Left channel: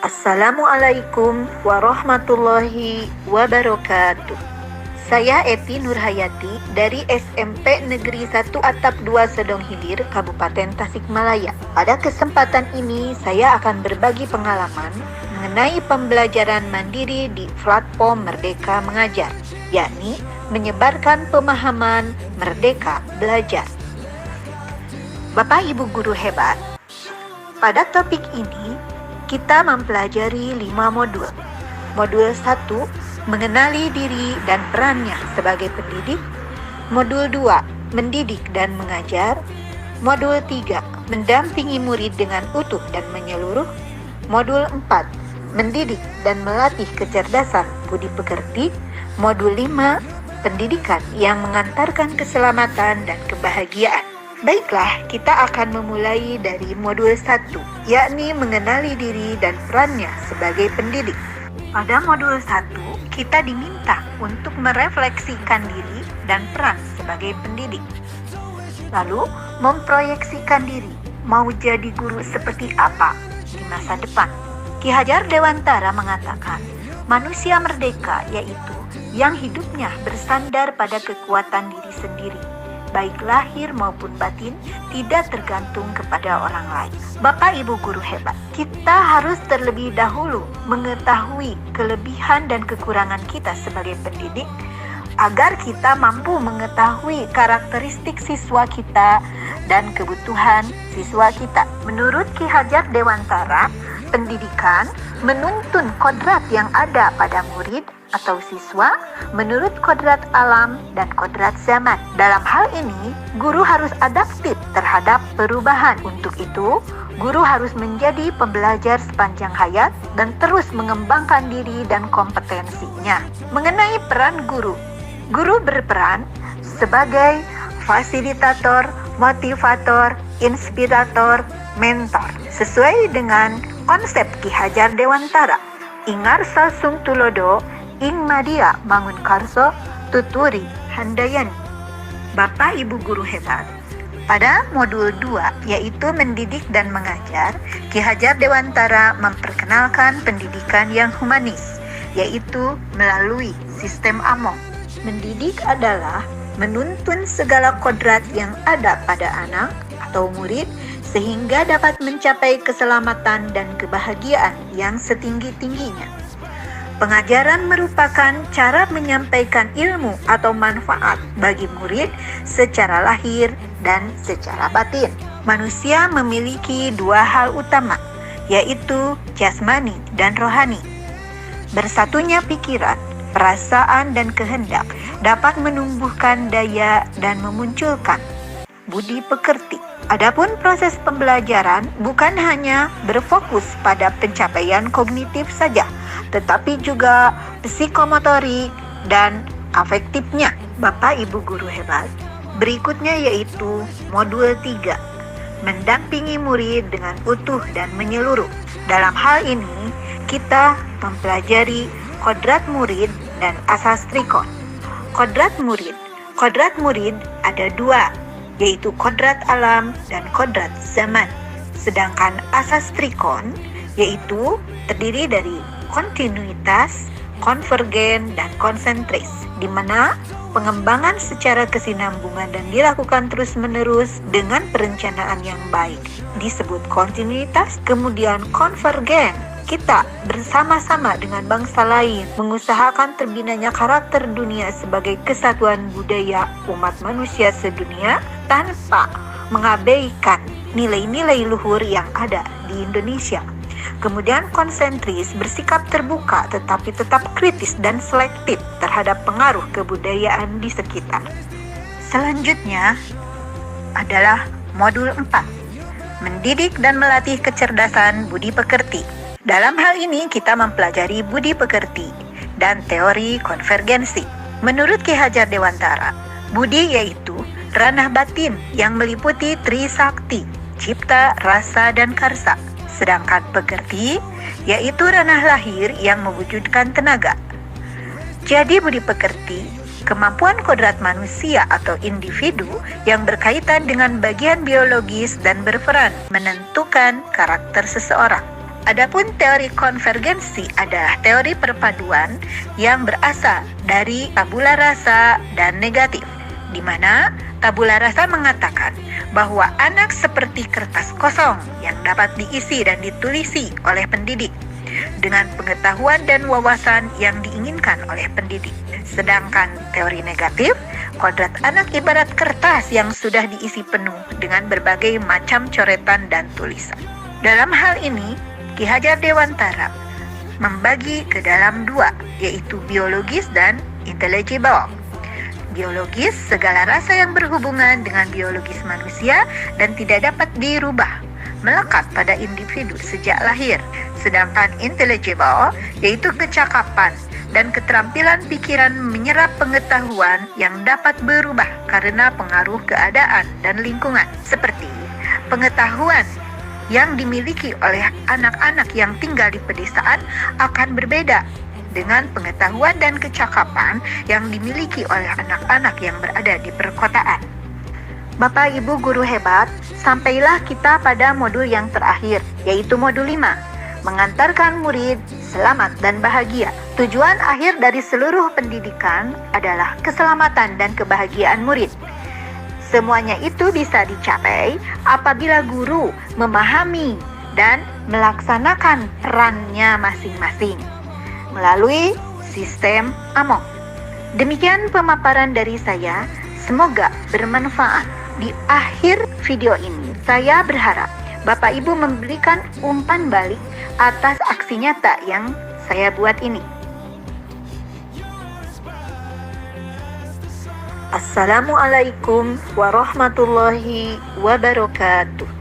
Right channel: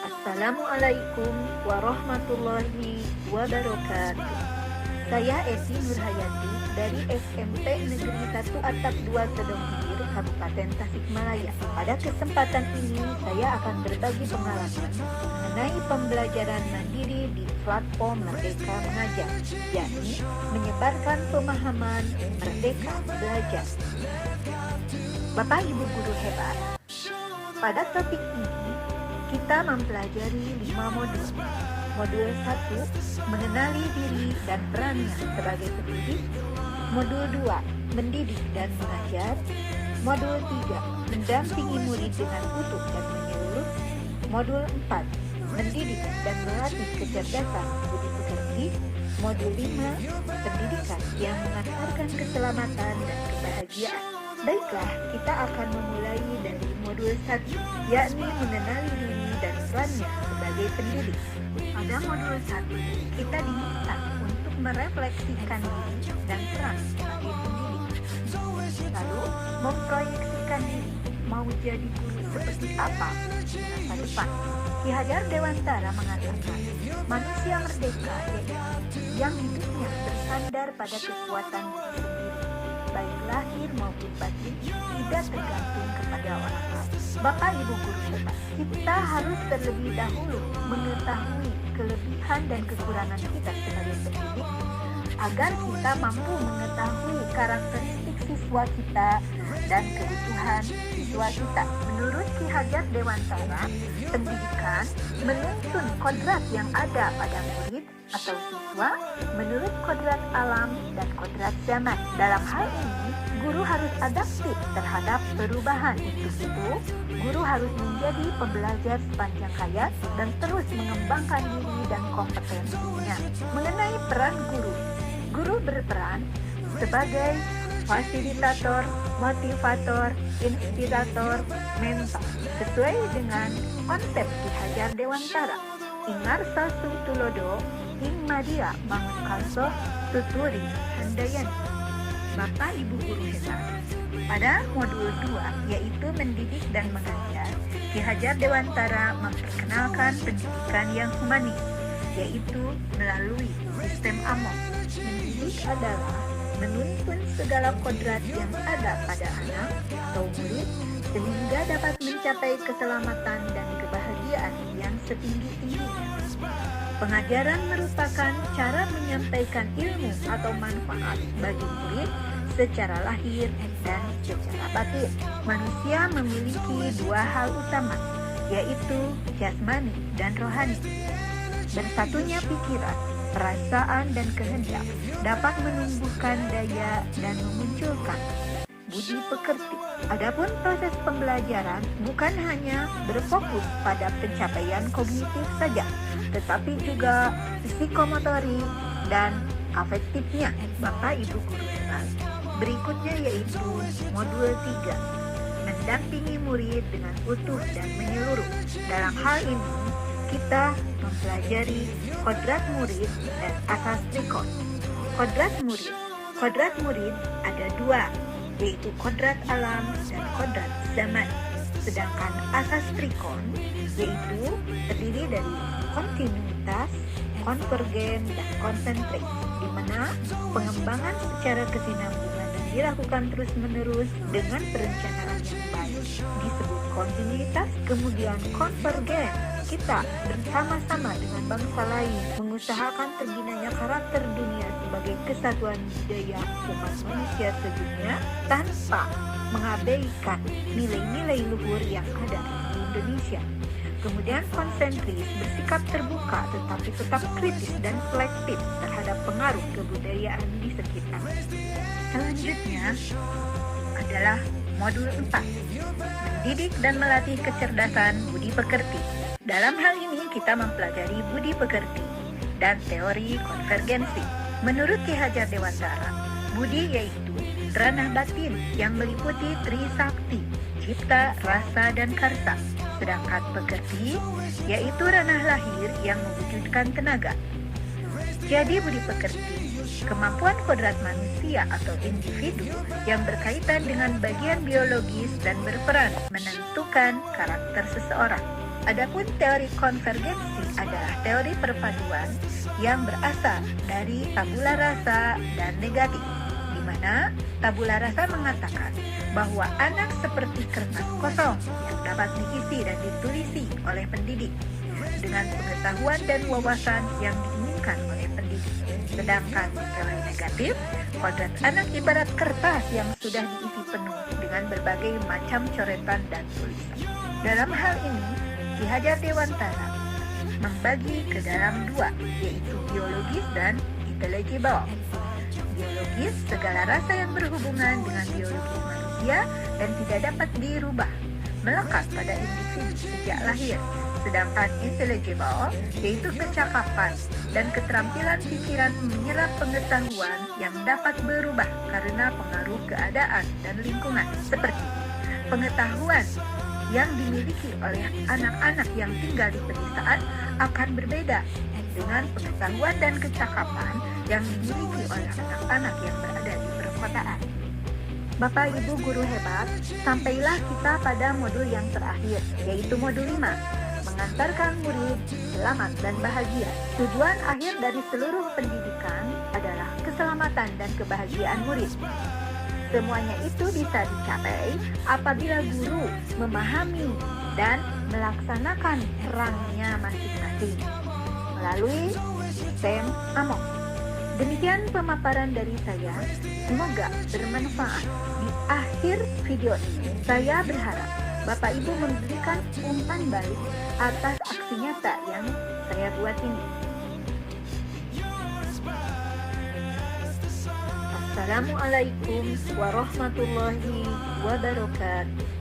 Assalamualaikum warahmatullahi wabarakatuh. Saya Epi Nurhayati dari SMP Negeri 1 Atap 2 Sedong Hilir, Kabupaten Tasikmalaya. Pada kesempatan ini saya akan berbagi pengalaman mengenai pembelajaran mandiri di platform Merdeka Mengajar, yakni menyebarkan pemahaman Merdeka Belajar. Bapak Ibu guru hebat, pada topik ini kita mempelajari 5 modul. Modul 1, mengenali diri dan perannya sebagai pendidik. Modul 2, mendidik dan mengajar. Modul 3, mendampingi murid dengan utuh dan menyeluruh. Modul 4, mendidik dan melatih kecerdasan budi pekerti. Modul 5, pendidikan yang mengantarkan keselamatan dan kebahagiaan. Baiklah, kita akan memulai dari modul 1, yakni mengenali diri dan perannya sebagai pendidik. Pada modul 1, kita diminta untuk merefleksikan diri dan peran sebagai pendidik. Lalu, memproyeksikan diri, mau jadi guru seperti apa di masa depan. Ki Hajar Dewantara mengatakan, manusia merdeka yaitu yang hidupnya bersandar pada kekuatan diri sendiri, baik lahir maupun batin, tidak tergantung kepada orang lain. Bapak Ibu guru hebat, kita harus terlebih dahulu mengetahui kelebihan dan kekurangan kita sebagai pendidik, agar kita mampu mengetahui karakteristik siswa kita dan kebutuhan siswa kita. Menurut Ki Hajar Dewantara, pendidikan menuntun kodrat yang ada pada murid atau siswa menurut kodrat alam dan kodrat zaman. Dalam hal ini, guru harus adaptif terhadap perubahan. Untuk itu, guru harus menjadi pembelajar sepanjang hayat dan terus mengembangkan diri dan kompetensinya. Mengenai peran guru, guru berperan sebagai fasilitator, motivator, inspirator, mentor, sesuai dengan konsep Ki Hajar Dewantara. Ingar sasung tulodo, ing madia mangun karso, tuturi handayani. Bapak Ibu guru hebat, pada modul 2, yaitu mendidik dan mengajar, Ki Hajar Dewantara memperkenalkan pendidikan yang humanis, yaitu melalui sistem AMOH. Mendidik adalah menuntun segala kodrat yang ada pada anak atau murid sehingga dapat mencapai keselamatan dan kebahagiaan yang setinggi-tingginya. Pengajaran merupakan cara menyampaikan ilmu atau manfaat bagi murid secara lahir dan secara batin. Manusia memiliki dua hal utama, yaitu jasmani dan rohani. Bersatunya pikiran, perasaan, dan kehendak dapat menumbuhkan daya dan memunculkan budi pekerti. Adapun proses pembelajaran bukan hanya berfokus pada pencapaian kognitif saja, tetapi juga psikomotorik dan afektifnya. Bapak Ibu guru hebat, berikutnya yaitu modul 3, mendampingi murid dengan utuh dan menyeluruh. Dalam hal ini, kita mempelajari kodrat murid dan asas trikon. Kodrat murid ada dua, yaitu kodrat alam dan kodrat zaman. Sedangkan asas trikon yaitu terdiri dari kontinuitas, konvergen, dan konsentris, di mana pengembangan secara kesinambungan dan dilakukan terus-menerus dengan perencanaan yang baik disebut kontinuitas. Kemudian konvergen, kita bersama-sama dengan bangsa lain mengusahakan terbinanya karakter dunia sebagai kesatuan budaya umat manusia sedunia tanpa mengabaikan nilai-nilai luhur yang ada di Indonesia. Kemudian konsentris, bersikap terbuka tetapi tetap kritis dan selektif terhadap pengaruh kebudayaan di sekitar. Selanjutnya adalah modul 4, mendidik dan melatih kecerdasan budi pekerti. Dalam hal ini kita mempelajari budi pekerti dan teori konvergensi. Menurut Ki Hajar Dewantara, budi yaitu ranah batin yang meliputi trisakti, cipta, rasa, dan karsa. Sedangkan pekerti yaitu ranah lahir yang mewujudkan tenaga. Jadi budi pekerti, kemampuan kodrat manusia atau individu yang berkaitan dengan bagian biologis dan berperan menentukan karakter seseorang. Adapun teori konvergensi adalah teori perpaduan yang berasal dari tabula rasa dan negatif, di mana tabula rasa mengatakan bahwa anak seperti kertas kosong yang dapat diisi dan ditulisi oleh pendidik dengan pengetahuan dan wawasan yang diinginkan oleh pendidik. Sedangkan teori negatif, kodrat anak ibarat kertas yang sudah diisi penuh dengan berbagai macam coretan dan tulisan. Dalam hal ini, Ki Hajar Dewantara membagi ke dalam dua, yaitu biologis dan intelligible. Biologis, segala rasa yang berhubungan dengan biologis manusia dan tidak dapat dirubah, melekat pada individu sejak lahir. Sedangkan intelligible, yaitu kecakapan dan keterampilan pikiran menyerap pengetahuan yang dapat berubah karena pengaruh keadaan dan lingkungan, seperti pengetahuan yang dimiliki oleh anak-anak yang tinggal di pedesaan akan berbeda dengan pengetahuan dan kecakapan yang dimiliki oleh anak-anak yang berada di perkotaan. Bapak Ibu guru hebat, sampailah kita pada modul yang terakhir, yaitu modul 5, mengantarkan murid selamat dan bahagia. Tujuan akhir dari seluruh pendidikan adalah keselamatan dan kebahagiaan murid. Semuanya itu bisa dicapai apabila guru memahami dan melaksanakan perannya masing-masing melalui sistem AMOK. Demikian pemaparan dari saya, semoga bermanfaat. Di akhir video ini, saya berharap Bapak Ibu memberikan umpan balik atas aksi nyata yang saya buat ini. Assalamualaikum warahmatullahi wabarakatuh.